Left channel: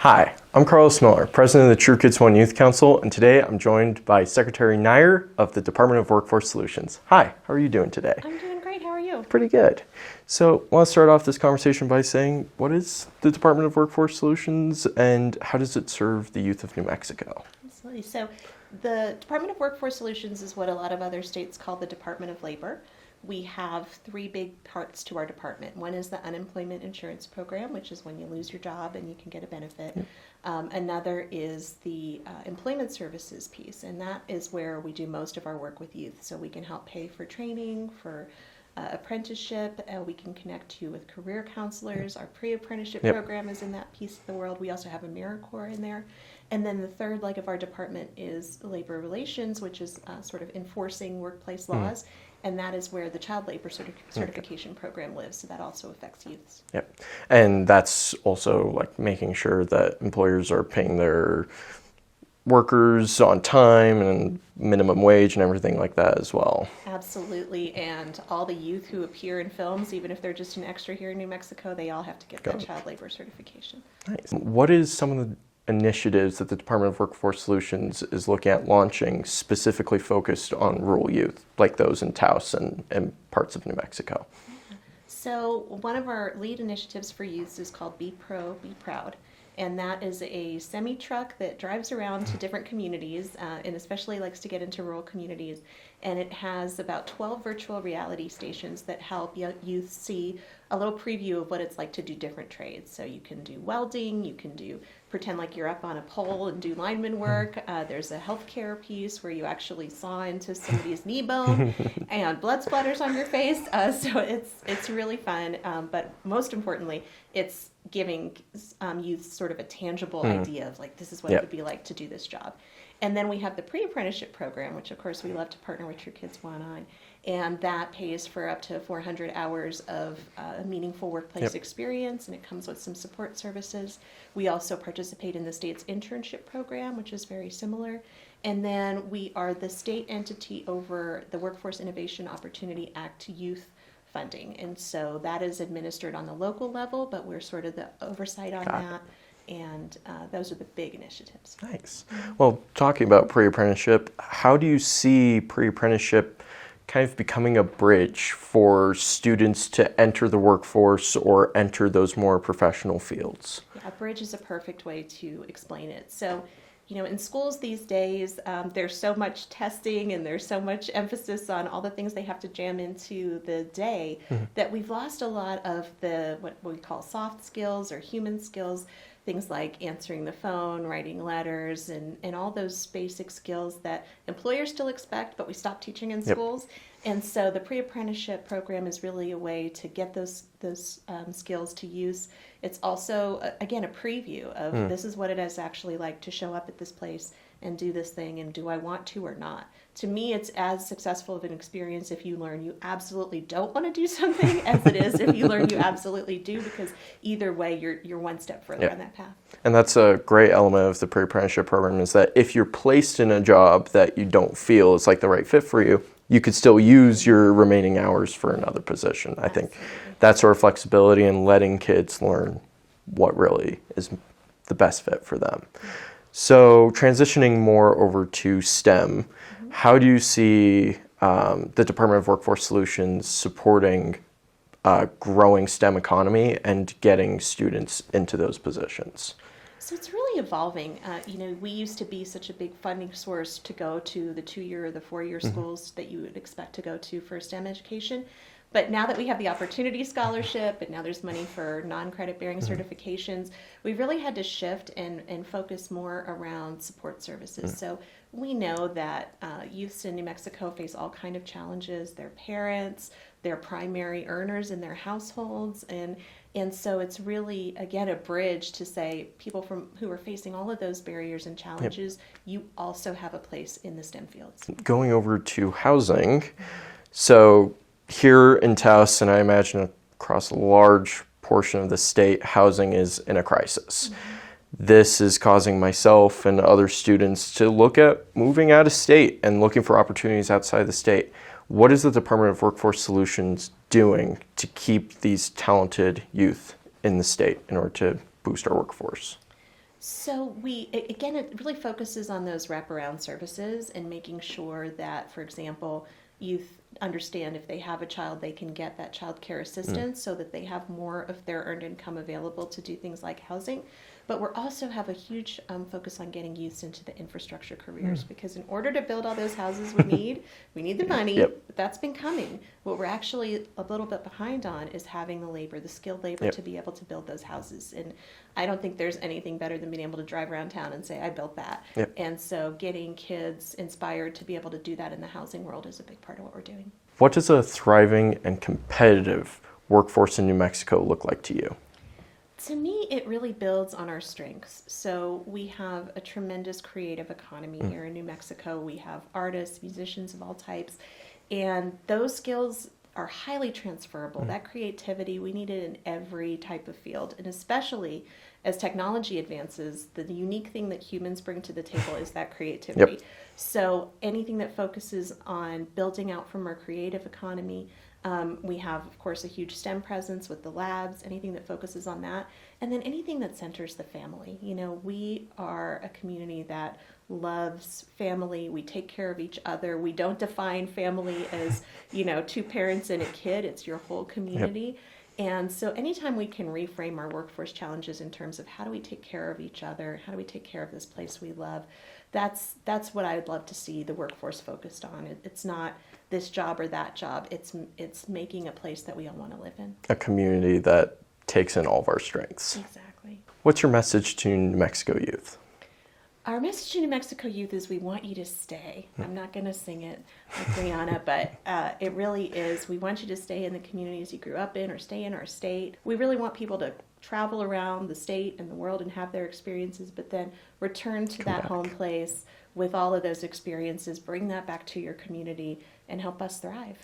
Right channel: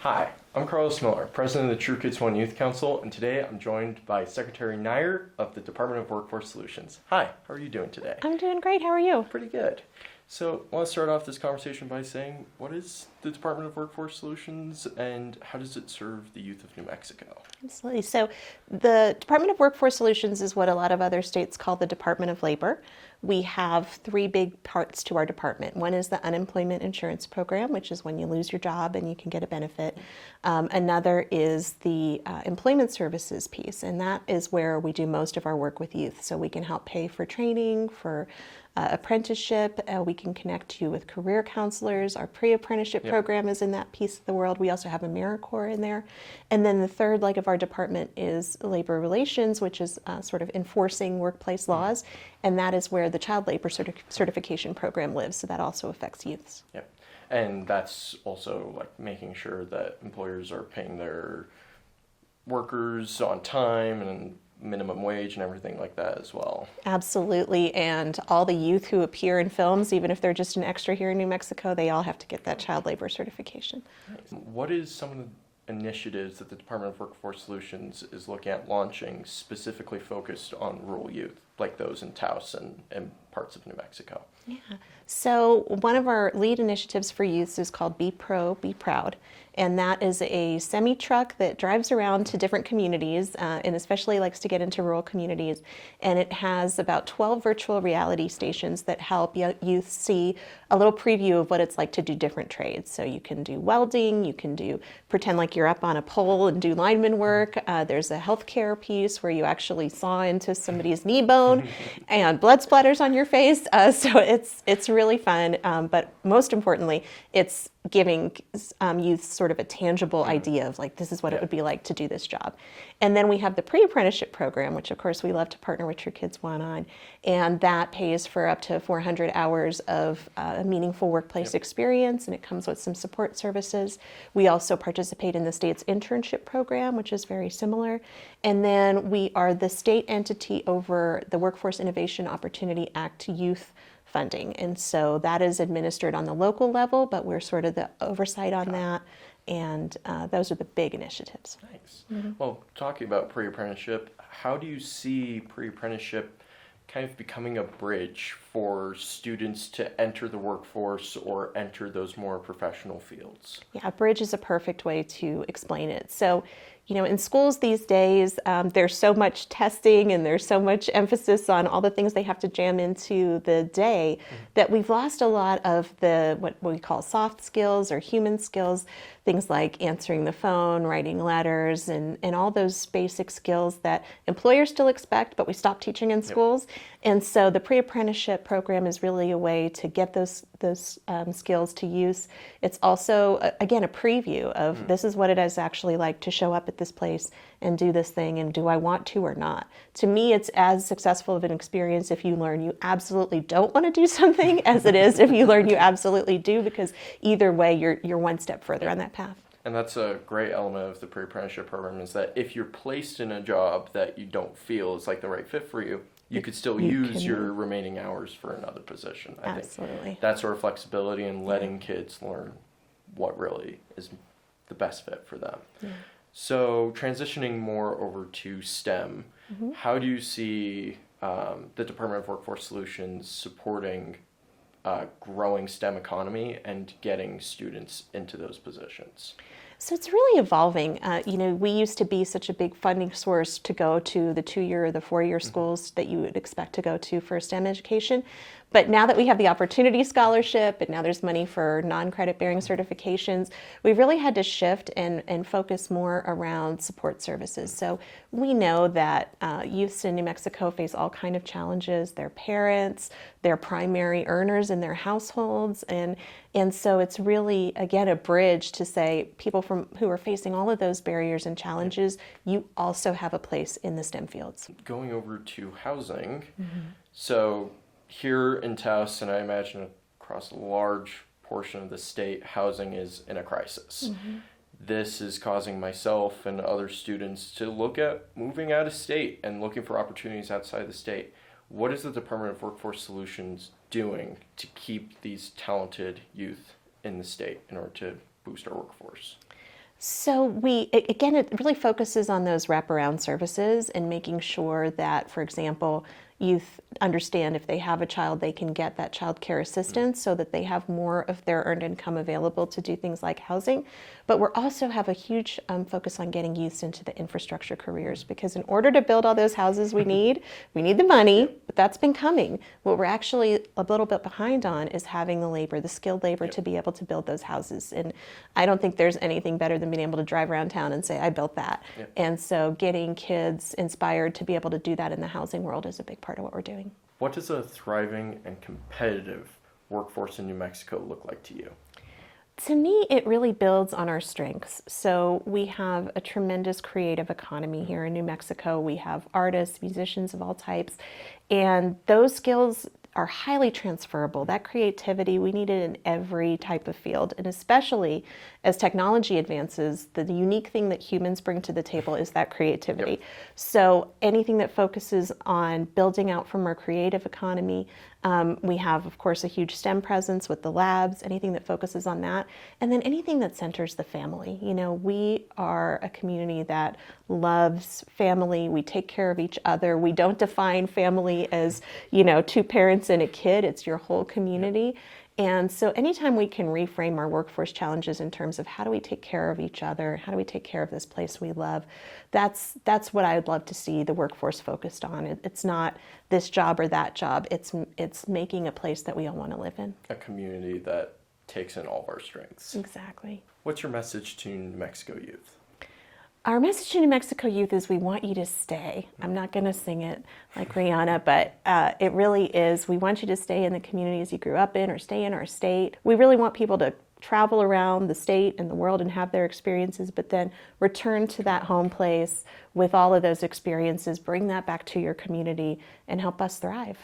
Hi, I'm Carlos Miller, President of the TK1 Youth Council, and today I'm joined by Secretary Nair of the Department of Workforce Solutions. Hi, how are you doing today? I'm doing great. How are you? Pretty good. So I want to start off this conversation by saying, what is the Department of Workforce Solutions and how does it serve the youth of New Mexico? Absolutely. So the Department of Workforce Solutions is what a lot of other states call the Department of Labor. We have three big parts to our department. One is the unemployment insurance program, which is when you lose your job and you can get a benefit. Another is the employment services piece, and that is where we do most of our work with youth. So we can help pay for training, for apprenticeship. We can connect you with career counselors. Our pre-apprenticeship program is in that piece of the world. We also have AmeriCorps in there. And then the third leg of our department is labor relations, which is sort of enforcing workplace laws. And that is where the child labor certification program lives. So that also affects youths. Yep. And that's also like making sure that employers are paying their workers on time and minimum wage and everything like that as well. Absolutely. And all the youth who appear in films, even if they're just an extra here in New Mexico, they all have to get that child labor certification. Nice. What is some of the initiatives that the Department of Workforce Solutions is looking at launching specifically focused on rural youth, like those in Taos and parts of New Mexico? Yeah. So one of our lead initiatives for youth is called Be Pro, Be Proud. And that is a semi-truck that drives around to different communities and especially likes to get into rural communities. And it has about 12 virtual reality stations that help youth see a little preview of what it's like to do different trades. So you can do welding, you can pretend like you're up on a pole and do lineman work. There's a healthcare piece where you actually saw into somebody's knee bone and blood splatters on your face. So it's really fun. But most importantly, it's giving youth sort of a tangible idea of like, this is what it would be like to do this job. And then we have the pre-apprenticeship program, which of course we love to partner with TK1 on, and that pays for up to 400 hours of meaningful workplace experience, and it comes with some support services. We also participate in the state's internship program, which is very similar. And then we are the state entity over the Workforce Innovation Opportunity Act youth funding. And so that is administered on the local level, but we're sort of the oversight on that. And those are the big initiatives. Nice. Well, talking about pre-apprenticeship, how do you see pre-apprenticeship kind of becoming a bridge for students to enter the workforce or enter those more professional fields? Yeah, a bridge is a perfect way to explain it. So, you know, in schools these days, there's so much testing and there's so much emphasis on all the things they have to jam into the day that we've lost a lot of the what we call soft skills or human skills, things like answering the phone, writing letters, and all those basic skills that employers still expect, but we stopped teaching in schools. And so the pre-apprenticeship program is really a way to get those skills to use. It's also, again, a preview of this is what it is actually like to show up at this place and do this thing, and do I want to or not? To me, it's as successful of an experience if you learn you absolutely don't want to do something as it is if you learn you absolutely do, because either way, you're one step further on that path. And that's a great element of the pre-apprenticeship program, is that if you're placed in a job that you don't feel is like the right fit for you, you could still use your remaining hours for another position. I think that sort of flexibility and letting kids learn what really is the best fit for them. So transitioning more over to STEM, how do you see the Department of Workforce Solutions supporting growing STEM economy and getting students into those positions? So it's really evolving. You know, we used to be such a big funding source to go to the 2-year or the 4-year schools that you would expect to go to for STEM education. But now that we have the Opportunity Scholarship and now there's money for non-credit bearing certifications, we've really had to shift and focus more around support services. So we know that youths in New Mexico face all kinds of challenges. Their parents, their primary earners in their households, and so it's really, again, a bridge to say people who are facing all of those barriers and challenges, you also have a place in the STEM fields. Going over to housing, so here in Taos, and I imagine across a large portion of the state, housing is in a crisis. This is causing myself and other students to look at moving out of state and looking for opportunities outside the state. What is the Department of Workforce Solutions doing to keep these talented youth in the state in order to boost our workforce? So again, it really focuses on those wraparound services and making sure that, for example, youth understand if they have a child, they can get that child care assistance so that they have more of their earned income available to do things like housing. But we also have a huge focus on getting youths into the infrastructure careers because in order to build all those houses we need the money, but that's been coming. What we're actually a little bit behind on is having the labor, the skilled labor to be able to build those houses. And I don't think there's anything better than being able to drive around town and say, I built that. And so getting kids inspired to be able to do that in the housing world is a big part of what we're doing. What does a thriving and competitive workforce in New Mexico look like to you? To me, it really builds on our strengths. So we have a tremendous creative economy here in New Mexico. We have artists, musicians of all types, and those skills are highly transferable. That creativity, we need it in every type of field, and especially as technology advances, the unique thing that humans bring to the table is that creativity. So anything that focuses on building out from our creative economy, we have, of course, a huge STEM presence with the labs, anything that focuses on that, and then anything that centers the family. You know, we are a community that loves family. We take care of each other. We don't define family as, you know, two parents and a kid. It's your whole community. And so anytime we can reframe our workforce challenges in terms of how do we take care of each other, how do we take care of this place we love, that's what I would love to see the workforce focused on. It's not this job or that job. It's making a place that we all want to live in. A community that takes in all of our strengths. Exactly. What's your message to New Mexico youth? Our message to New Mexico youth is we want you to stay. I'm not going to sing it like Rihanna, but it really is. We want you to stay in the communities you grew up in or stay in our state. We really want people to travel around the state and the world and have their experiences, but then return to that home place with all of those experiences, bring that back to your community and help us thrive.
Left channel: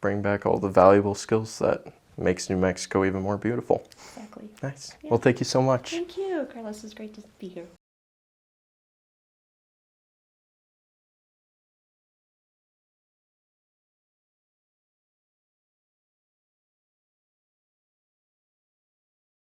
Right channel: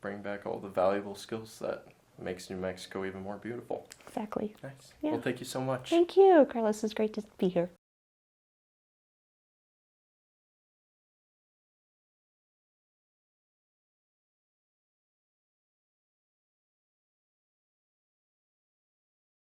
Bring back all the valuable skills that makes New Mexico even more beautiful. Exactly. Nice. Well, thank you so much. Thank you, Carlos. It's great to be here.